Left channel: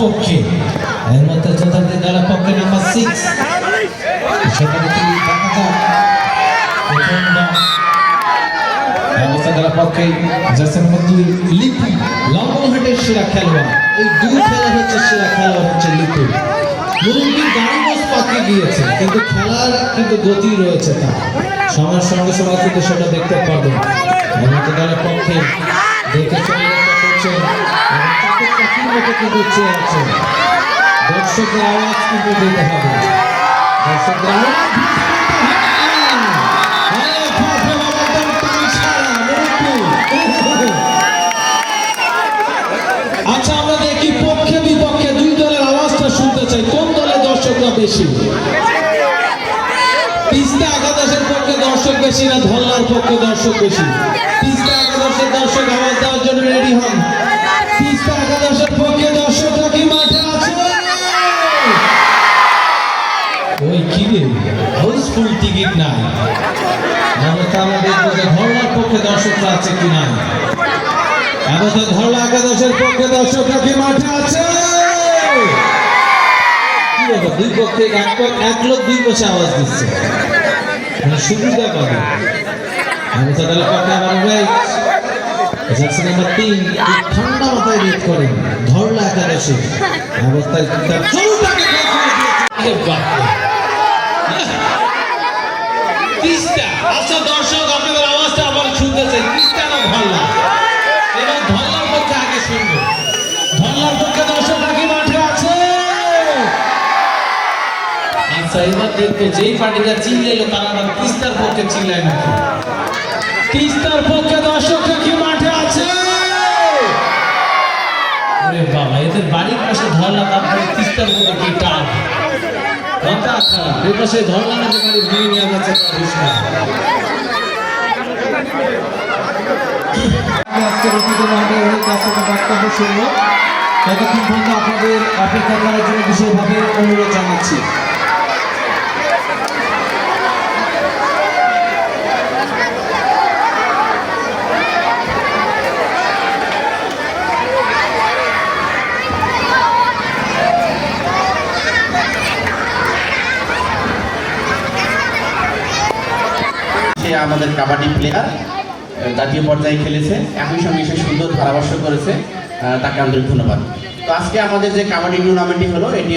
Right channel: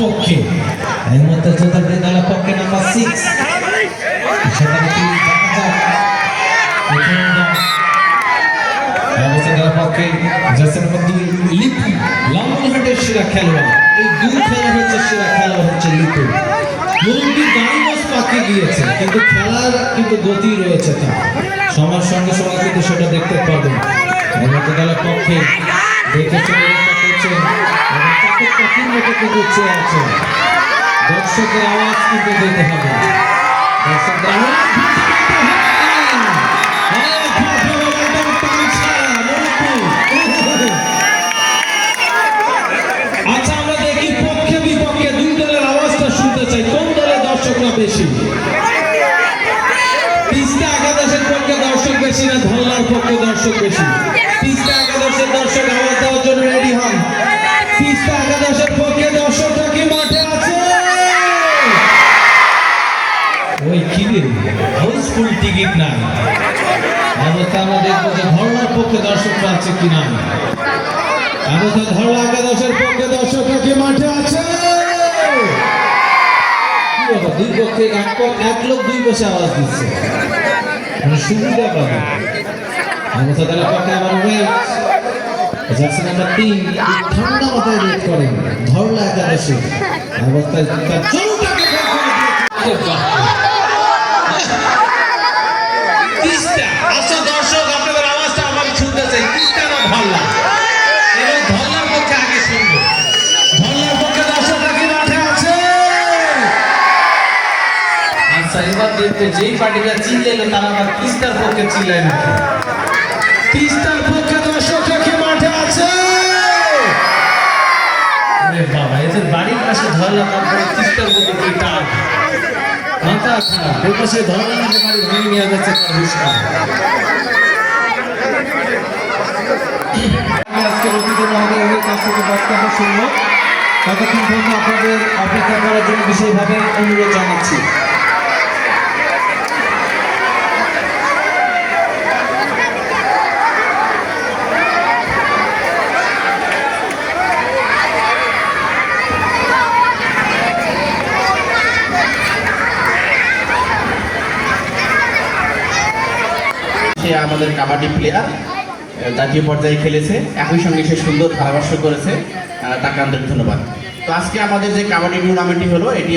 পক্ষে এর মধ্যে চতুর্থ দলের পক্ষে নাম্বার 6 সেখানে তিনি দেখা যাক পক্ষে জার্সি নম্বর 2 লিপু লালমোহনের সেরা খেলোয়াড়। এই দুই খেলা হচ্ছে সেরা খেলোয়াড় হচ্ছে লিপু। মুরব্বী গাড়ি বস পাকিয়ে গিয়েছে কিন্তু খেলার কিন্তু গতি রয়েছে তার সময়ের সঙ্গে সঙ্গে কিন্তু সেটা দেখতে পাবেন। এমতো দলের পক্ষে দেখে চলে করছেন এবং চাপের পাখির মতো কিন্তু চেয়ে আছে। দর্শকের আওয়াজ কিন্তু দিতে হবে। দর্শকদের আওয়াজ আচ্ছা, আমরা দেখি পক্ষে বিপক্ষে দুই দলের আওয়াজটা শুনতে চাই। কোন দলের দর্শকরা বেশি? তিস্তা একাদশের পক্ষে দর্শক বেশি না ধল্লার পক্ষে দর্শক বেশি? তিস্তা একাদশের দর্শক আওয়াজ দেওয়ার জন্য রেডি হন। তিস্তা একাদশের পক্ষে দর্শকরা কি মাঠে আছে? ওই কি রে, হাউসফুল টিকিট নাই। আমরা দেখবো যে ধল্লার পক্ষে দর্শকরা আছে কি নাই। আমাদের ধলা একাদশের পক্ষে দর্শকরা কি মাঠে আছে? কি বাবা, দুই পক্ষে এক লোক দুই বসে আওয়াজ দিচ্ছে, মানে সুবিধা পাবে। আমাদের দলের পক্ষে আবার জার্সি নাম্বার 3 ঠান্ডা মাথায় রেড করেন ধরলা একাদশী অবস্থায় তার চরুটাকে তিস্তা। আচ্ছা দর্শক, আপনাদের আওয়াজটা আবার শুনতে চাই। তিস্তা না ধরলা? এবার ধল্লার পক্ষে আগে শুনবো। ধল্লার পক্ষে দর্শকরা কি মাঠে আছে? আচ্ছা, এবার দেখবো যেই পার্টিটা চিল্লাইলো তারা আবার তিস্তার পক্ষে চিল্লাই না। তিস্তার পক্ষে দর্শকরা কি মাঠে আছে? ওরে বাবা, এদের বাড়ির পাশে ধল্লা, তারপরে তিস্তার পক্ষে কি টান মাথা খারাপ। দেখবো সে ধল্লা নাকি বাড়ি ভেঙে নিয়ে যাচ্ছে। ততক্ষণ পর্যন্ত আপনাদের অপেক্ষা করার জন্য বিশেষভাবে অনুরোধ জানাচ্ছি। সে আমাদের কাবাডি প্লেয়ার, জাতীয় পর্যায়ে খেলেছে, একই সঙ্গে সে সুন্দর ধারাভাষ্য করেছে। তাকে আন্তরিক ধন্যবাদ। তো আজকে আমাদের যে কাবাডি টুর্নামেন্টটি হলো এটি